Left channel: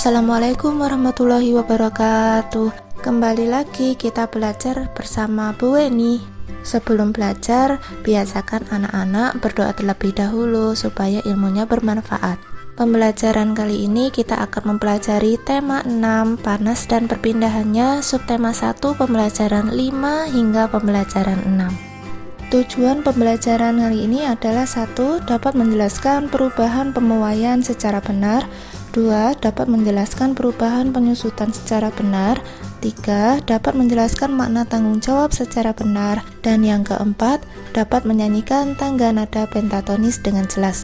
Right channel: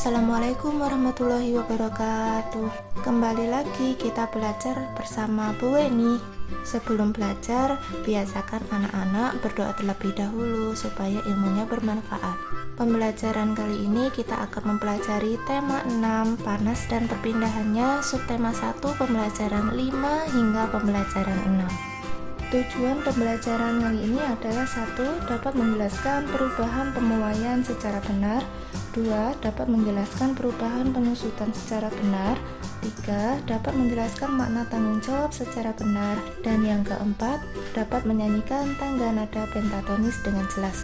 Assalamualaikum warahmatullahi wabarakatuh. Kembali lagi kita belajar bersama Bu Weni. Sebelum belajar, biasakan anak-anak berdoa terlebih dahulu supaya ilmunya bermanfaat. Pembelajaran kali ini kita akan mempelajari tema 6, panas dan perpindahannya, subtema 1, pembelajaran 5 hingga pembelajaran 6. Tujuan pembelajaran kali ini adalah 1. Dapat menjelaskan perubahan pemuaian secara benar. 2. Dapat menjelaskan perubahan penyusutan secara benar. 3. Dapat menjelaskan makna tanggung jawab secara benar. Dan yang keempat, dapat menyanyikan tangga nada pentatonis dengan jelas.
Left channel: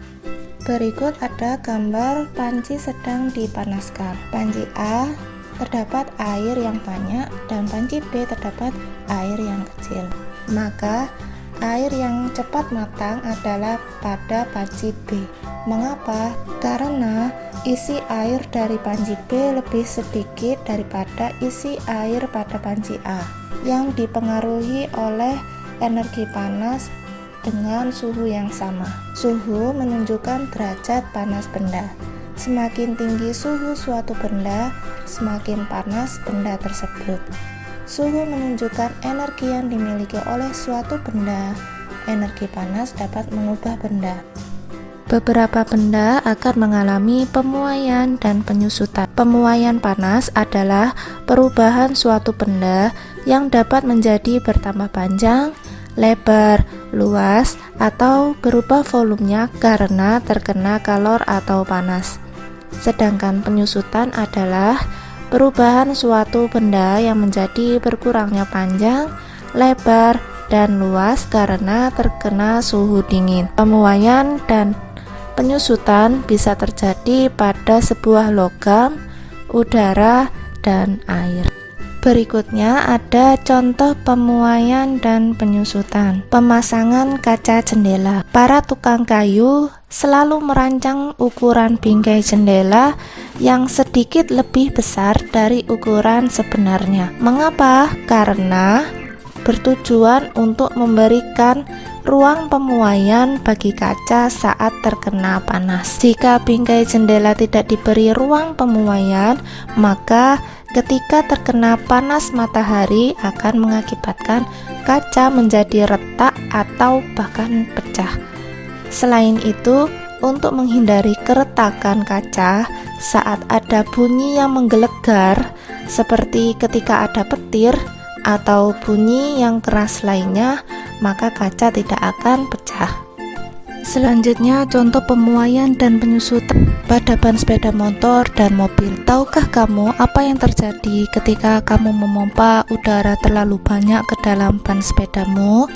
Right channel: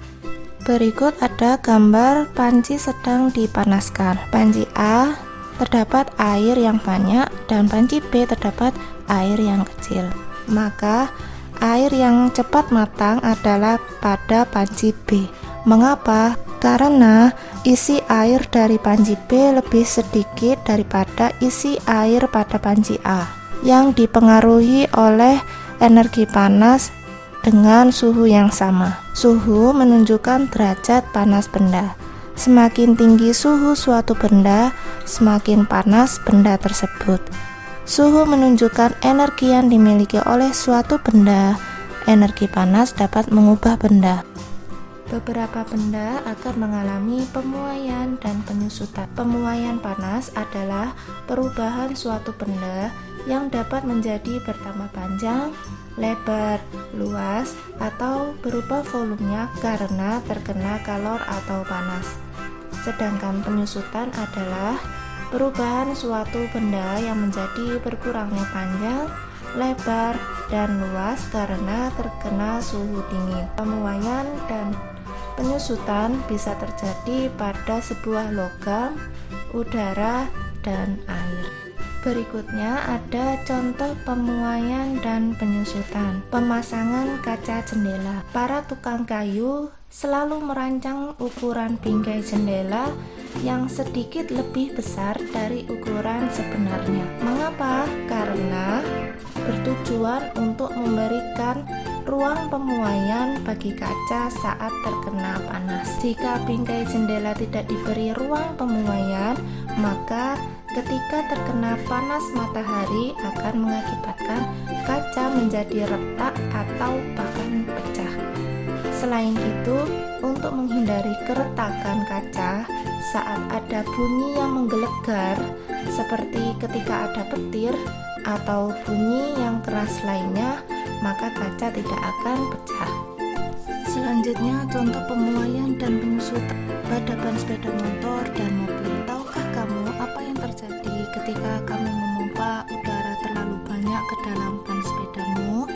Berikut ada gambar panci sedang dipanaskan. Panci A terdapat air yang banyak dan panci B terdapat air yang kecil. Maka air yang cepat matang adalah pada panci B. Mengapa? Karena isi air dari panci B lebih sedikit daripada isi air pada panci A yang dipengaruhi oleh energi panas dengan suhu yang sama. Suhu menunjukkan derajat panas benda. Semakin tinggi suhu suatu benda, semakin panas benda tersebut. Suhu menunjukkan energi yang dimiliki oleh suatu benda. Energi panas dapat mengubah benda. Beberapa benda akan mengalami pemuaian dan penyusutan. Pemuaian panas adalah perubahan suatu benda yang dapat menjadi bertambah panjang, lebar, luas, atau berubah volumenya karena terkena kalor atau panas. Sedangkan penyusutan adalah perubahan suatu benda yang menjadi berkurangnya panjang, lebar, dan luas karena terkena suhu dingin. Pemuaian dan penyusutan bisa terjadi pada sebuah logam, udara, dan air. Berikutnya ada contoh pemuaian dan penyusutan. Pemasangan kaca jendela. Para tukang kayu selalu merancang ukuran bingkai jendela yang sedikit lebih besar dari ukuran sebenarnya. Mengapa? Karena bertujuan untuk memberikan ruang pemuaian bagi kaca saat terkena panas. Jika bingkai jendela tidak diberi ruang pemuaian, maka ketika terkena panas matahari akan mengakibatkan kaca menjadi retak atau bahkan pecah. Selain itu, untuk menghindari keretakan kaca saat ada bunyi yang menggelegar seperti ketika ada petir atau bunyi yang keras lainnya, maka kaca tidak akan pecah. Selanjutnya, contoh pemuaian dan penyusutan pada ban sepeda motor dan mobil. Tahukah kamu apa yang terjadi ketika kamu memompa udara terlalu banyak ke dalam ban sepedamu?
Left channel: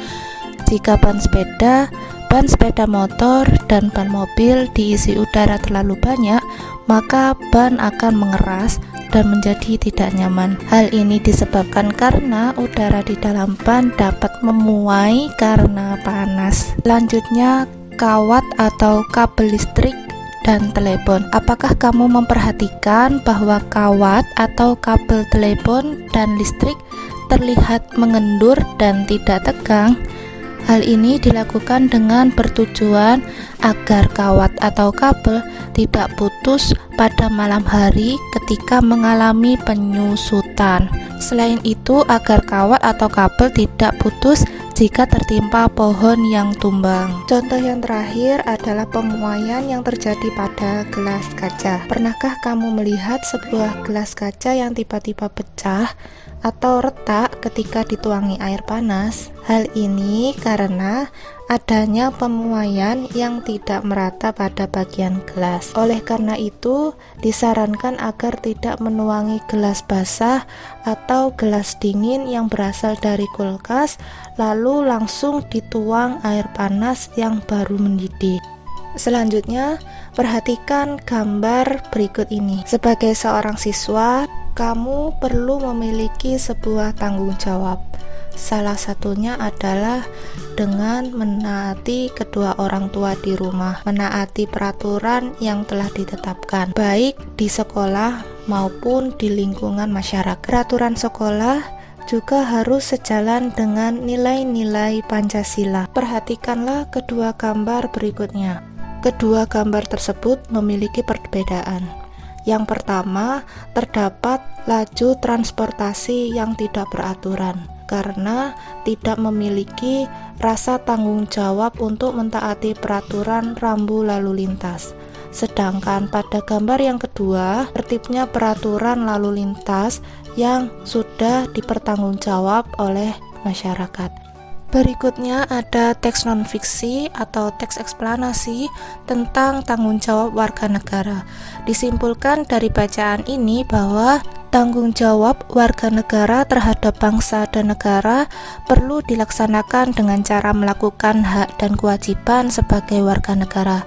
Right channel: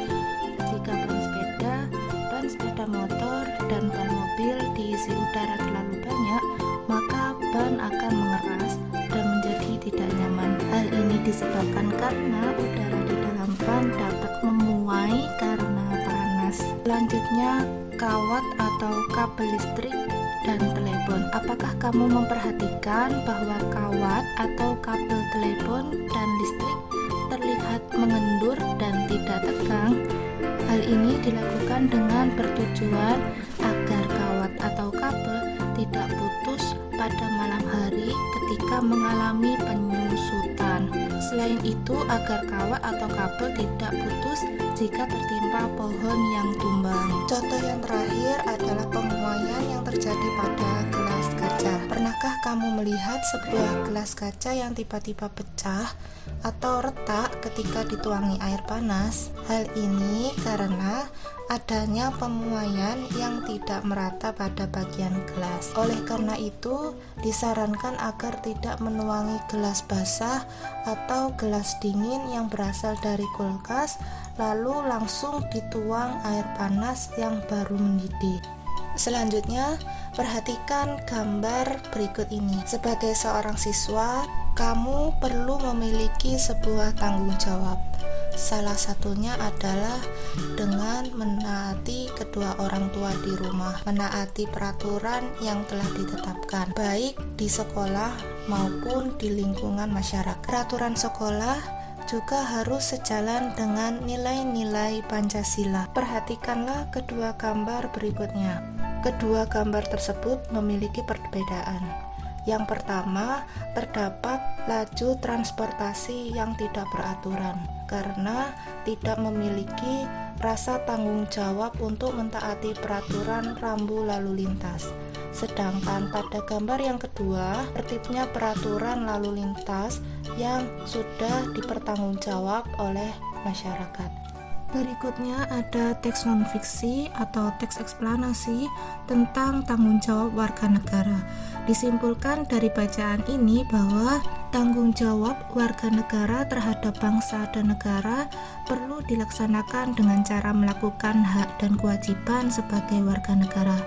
Jika ban sepeda motor, dan ban mobil diisi udara terlalu banyak, maka ban akan mengeras dan menjadi tidak nyaman. Hal ini disebabkan karena udara di dalam ban dapat memuai karena panas. Selanjutnya, kawat atau kabel listrik dan telepon. Apakah kamu memperhatikan bahwa kawat atau kabel telepon dan listrik terlihat mengendur dan tidak tegang? Hal ini dilakukan dengan bertujuan agar kawat atau kabel tidak putus pada malam hari ketika mengalami penyusutan. Selain itu, agar kawat atau kabel tidak putus jika tertimpa pohon yang tumbang. Contoh yang terakhir adalah pemuaian yang terjadi pada gelas kaca. Pernahkah kamu melihat sebuah gelas kaca yang tiba-tiba pecah atau retak ketika dituangi air panas? Hal ini karena adanya pemuaian yang tidak merata pada bagian gelas. Oleh karena itu, disarankan agar tidak menuangi gelas basah atau gelas dingin yang berasal dari kulkas, lalu langsung dituang air panas yang baru mendidih. Selanjutnya, perhatikan gambar berikut ini. Sebagai seorang siswa, kamu perlu memiliki sebuah tanggung jawab. Salah satunya adalah dengan menaati kedua orang tua di rumah, menaati peraturan yang telah ditetapkan, baik di sekolah maupun di lingkungan masyarakat. Peraturan sekolah juga harus sejalan dengan nilai-nilai Pancasila. Perhatikanlah kedua gambar berikutnya. Kedua gambar tersebut memiliki perbedaan. Yang pertama, terdapat laju transportasi yang tidak beraturan karena tidak memiliki rasa tanggung jawab untuk mentaati peraturan rambu lalu lintas. Sedangkan pada gambar yang kedua, tertibnya peraturan lalu lintas yang sudah dipertanggungjawab oleh masyarakat. Berikutnya ada teks non-fiksi atau teks eksplanasi tentang tanggung jawab warga negara. Disimpulkan dari bacaan ini bahwa tanggung jawab warga negara terhadap bangsa dan negara perlu dilaksanakan dengan cara melakukan hak dan kewajiban sebagai warga negara.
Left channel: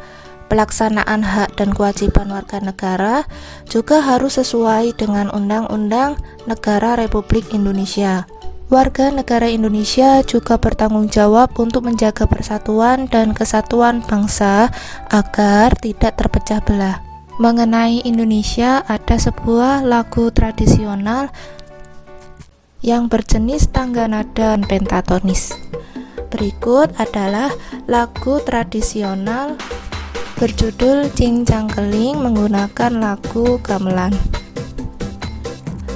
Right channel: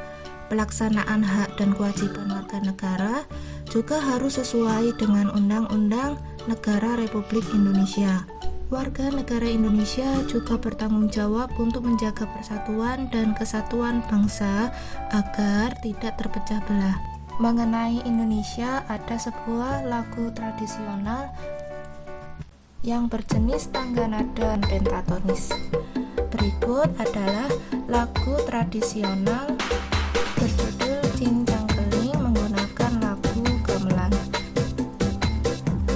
Pelaksanaan hak dan kewajiban warga negara juga harus sesuai dengan Undang-Undang Negara Republik Indonesia. Warga negara Indonesia juga bertanggung jawab untuk menjaga persatuan dan kesatuan bangsa agar tidak terpecah belah. Mengenai Indonesia, ada sebuah lagu tradisional yang berjenis tangga nada pentatonis. Berikut adalah lagu tradisional berjudul Cincang Keling menggunakan lagu gamelan.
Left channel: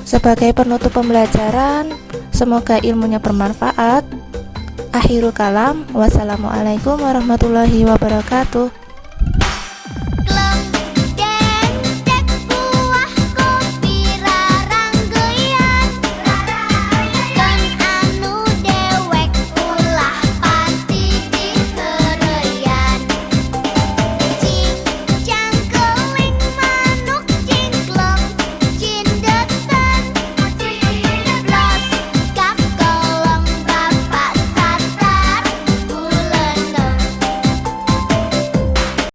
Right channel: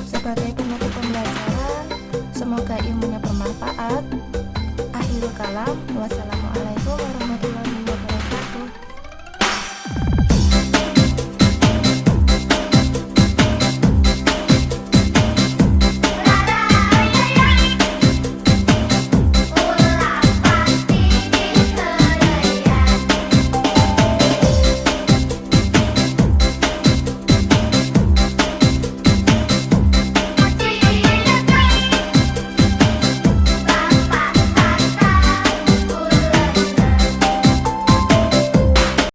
Sebagai penutup pembelajaran, semoga ilmunya bermanfaat. Akhirul kalam, wassalamualaikum warahmatullahi wabarakatuh.